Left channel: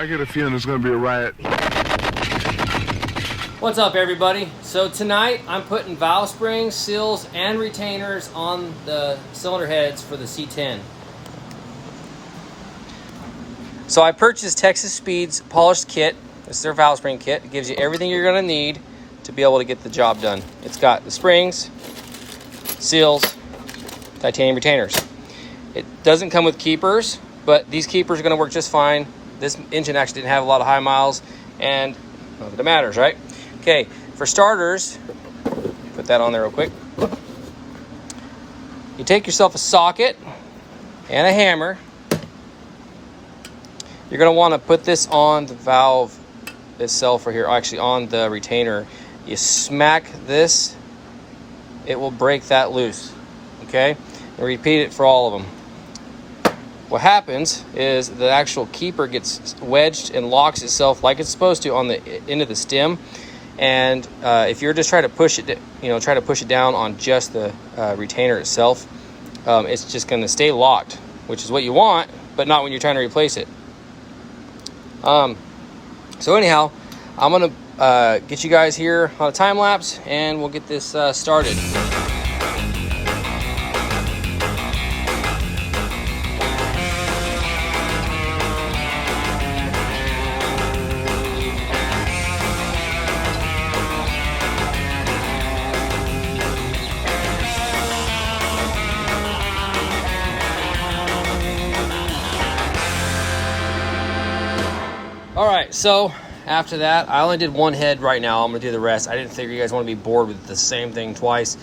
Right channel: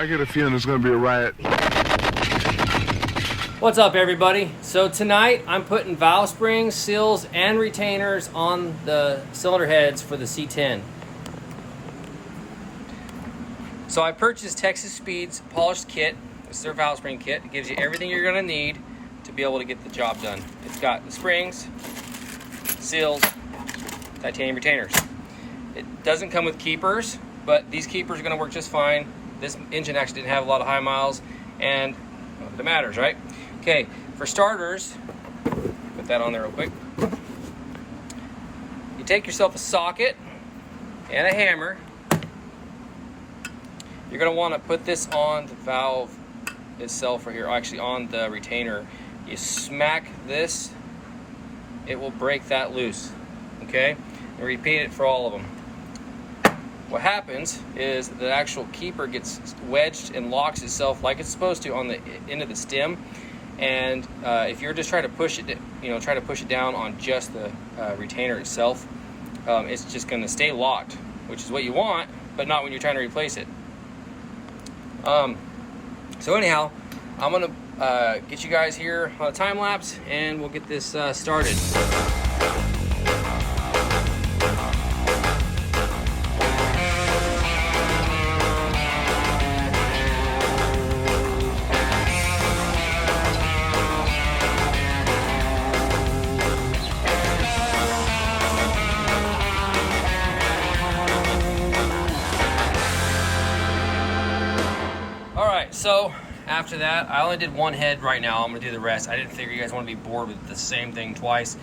I get a feeling it's going to be a riot. What's up, everybody? So tonight I'm putting valve springs, seals, and retainers on the cylinder heads for the C10. So I purchased Texas Speed's polished kit. This is their valve spring kit. It gives you everything you're going to need to be able to get the job done. It's got the springs, seals, titanium retainers. It doesn't come with keepers, but these keepers are going to work just fine. This engine actually didn't have a lot of high miles, and none of it matters, right? Okay, for starters, put that on there real quick. You take yourself a socket and a hammer. You're going to want to put this on the valve itself right here, actually on the retainer. You smack this, it will break that loose, okay? And repeat it for all of them. What happens is the actual keeper gets wedged and locks itself like it's supposed to on the end of the stem. And if you're just trying to push it, try to push it down on just the retainer itself, it's just going to stay locked, which is what you want, but not when you're trying to replace it. So anyhow, I'm going to get you guys here on a time lapse, and we'll get this started. So after that, I only did one head right now. I'm gonna do the rest. I didn't figure you guys want to be bored with the same thing twice.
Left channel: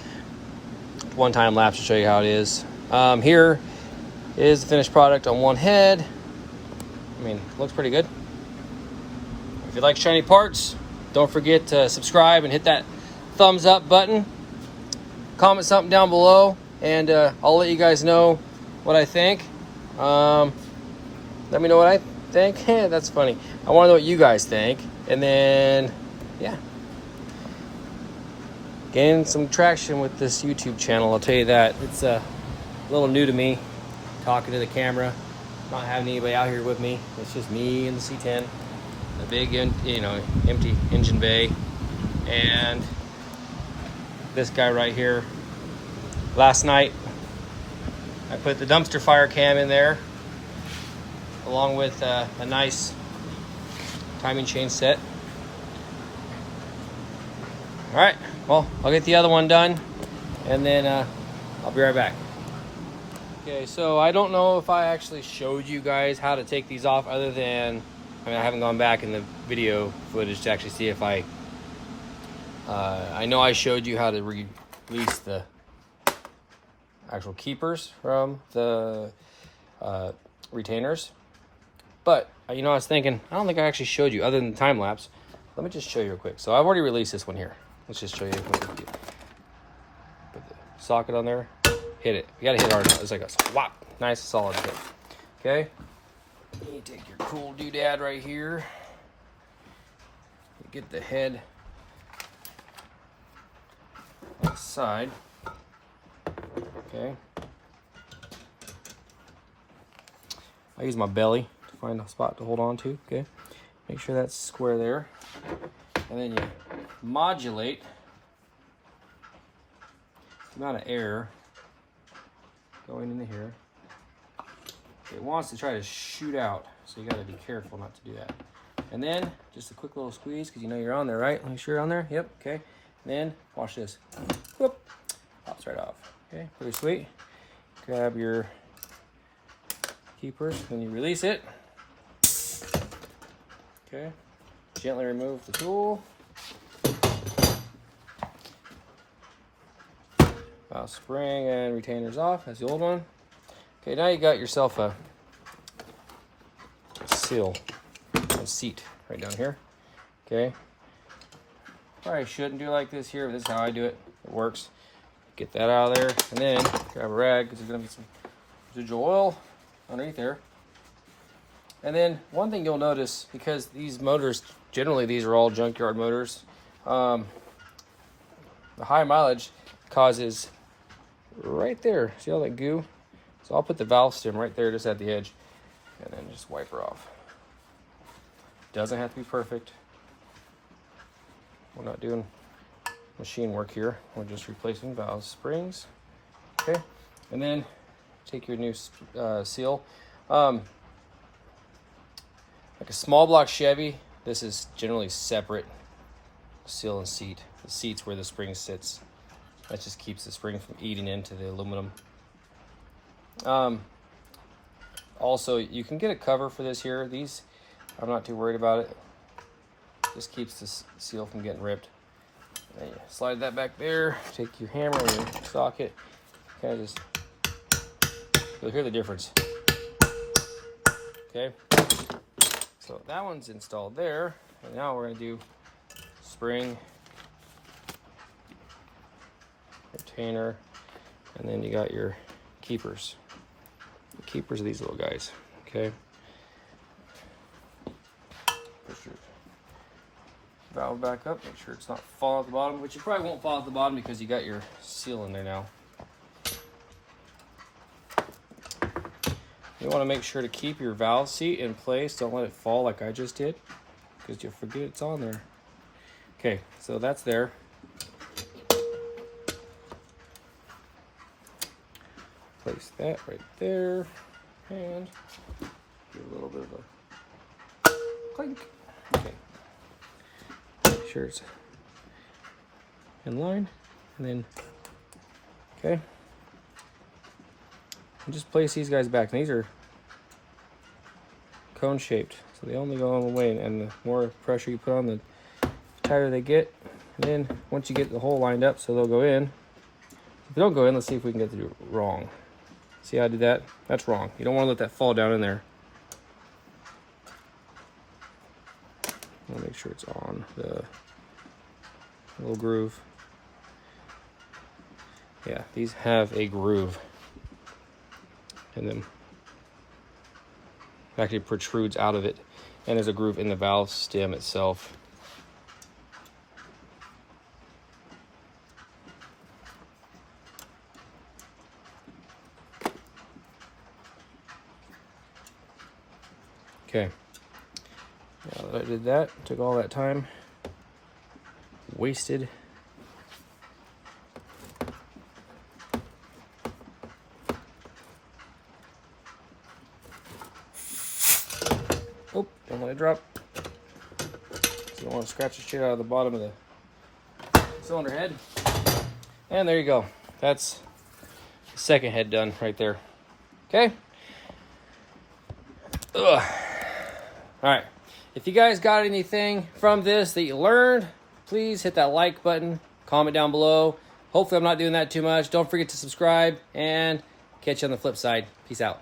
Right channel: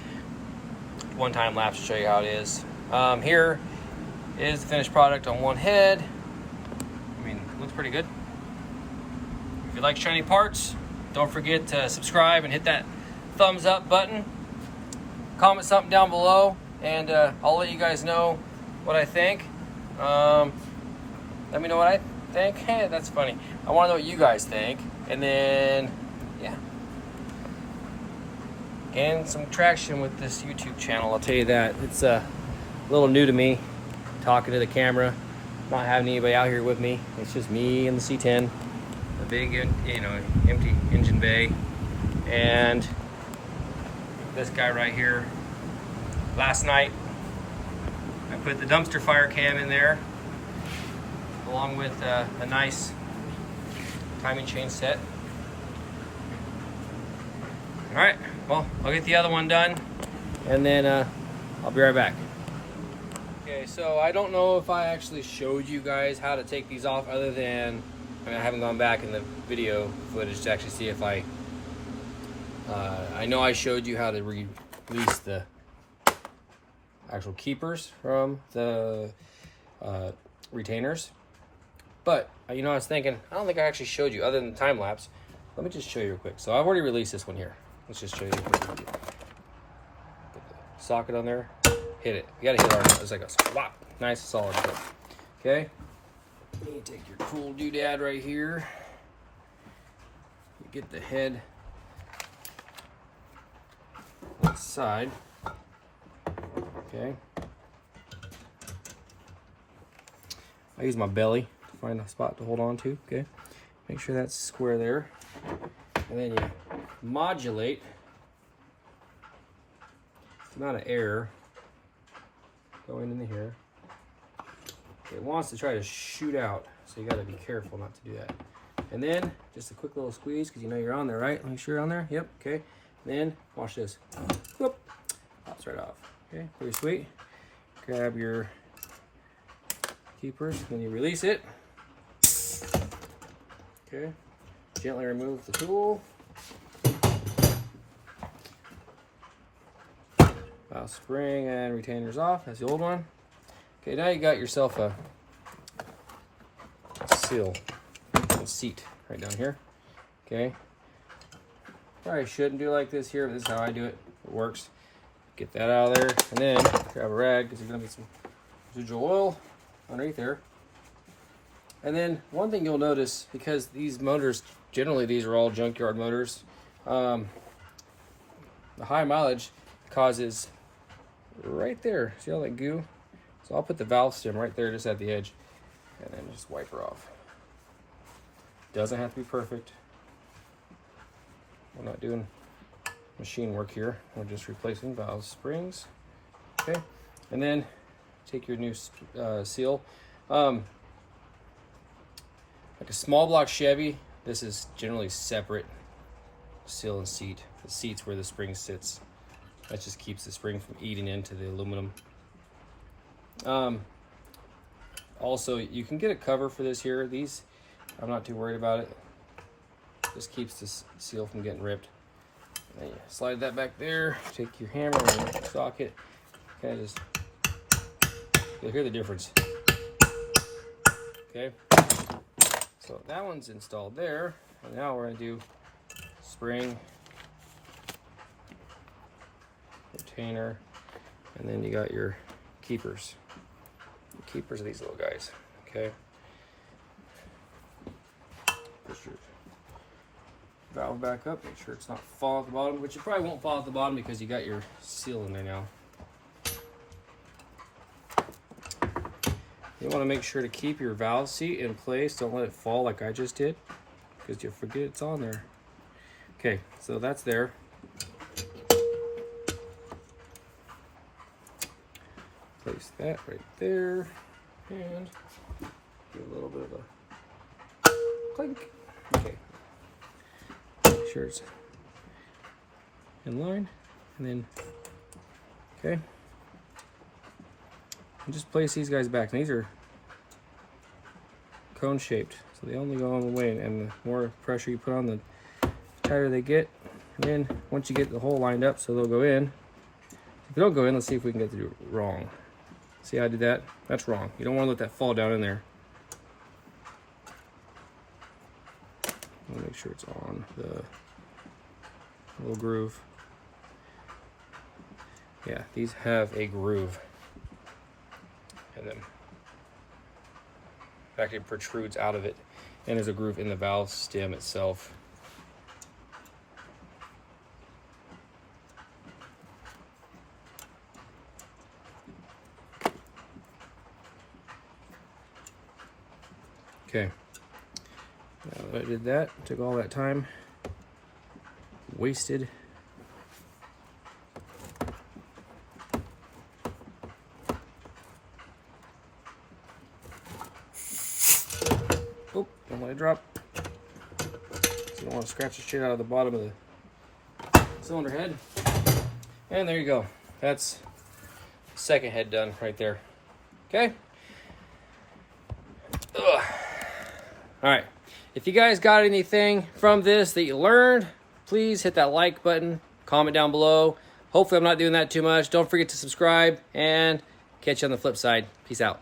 One time lapse to show you how it is. Here is the finished product on one head. I mean, it looks pretty good. If you like shiny parts, don't forget to subscribe and hit that thumbs up button. Comment something down below, and I'll let you guys know what I think. Let me know what I think. Yeah, that's funny. I want to know what you guys think, and then yeah, gain some traction with this YouTube channel. I'll tell you that. It's a little new to me, talking to the camera, not having anybody out here with me. It's just me and the C10, a big empty engine bay, and this guy right here. Last night I put the dumpster fire cam in there, along with a nice timing chain set. All right, well, I'll get the other one done, and then I'll be right back. Okay, so I don't know if I actually showed you guys how to take these off, other than, I haven't gone back in the video footage to actually see if I know I showed you how to release the actual keepers from the retainers. But, I was thinking, I don't think I actually showed you, other than time lapse. Let me just show you real quick. So I've already released this one here. Let's just show you. Put the socket on there. Hit it. You gotta hit it hard. It's like a swap. Nice, solid hit. Okay. You take your cool doodad right here. Get the head on the side. Okay. I use my belly. Find a spot to hold on to, okay? Make sure that's square there. And then you modulate the amount of air going into here. It wants to try to shoot out, so you gotta be careful not to do that. And then, just a quick little squeeze, because you're on there, right? Make sure you're on there, yep, okay. Then, watch this. Whoop, pops right off, okay? Pretty sweet. Grab your keepers when you release it. Okay, gently remove the tool. Valve spring and retainers off. That's the old one. Okay, now you got yourself a seal, a seat right down here. Okay, probably shouldn't do like this here, but this is how I do it. It works. Get that out of there, and then grab a rag, because there's gonna be some residual oil underneath there. And then one thing you'll notice, because these motors, generally these are all junkyard motors, the high mileage causes right there, see all that goo? So I'll put the valve stem right there, just at the edge, and then just wipe her off. Doesn't have to be perfect. We're not doing machine work here. We're just replacing valve springs. Okay, and then take your new seal. Like a small block Chevy, this is generally separate seal and seat. The seat's where the spring sits. That just keeps the spring from eating into the aluminum. Also, you can get a cover for this here. These, I'm not too worried about it. Just keeps this seal from getting ripped. And you slide that back there. Take your hammer and your socket. Okay, just, you'll hear the difference. Okay, so that one's installed there. And now we're gonna do spring, retainer, and then you got your keepers. The keepers are these little guys, okay? Push your valve back up, make sure it's not falling at the bottom, which you probably won't fall at the bottom because you got your seal in there now. You want to make sure to keep your valve seat in place. Don't let it fall like I just did, because you'll forget it's on there. Okay, so that's there. Place that right there, and give a little bit of a clink. Okay, make sure it's in line, and then, okay, and just place these guys back. And these are cone shaped, so they only go on the way, and the more pressure you put on, the tighter they get. And then once you get the hole lined up so they'll go in, if they don't go in, let's see if we can get it wrong. See how I did that? That's wrong. You don't want to let that fall down in there. I'll make sure it's on the little groove. Yeah, these have a groove in them. It actually protrudes out of it, and there's a groove in the valve stem itself. Okay, now that I did that, took all that time, wasted. Oh, don't let it drop. So you don't want to scratch the shit out of the bottom of the cylinder head. And there you go. That's the second head done right there. Okay. Ugh. All right, if you guys got anything from this that you learned, please hit that like button, comment down below. Hopefully I'm not doing that too much. Don't forget to subscribe, and catch you on the flip side. Peace out.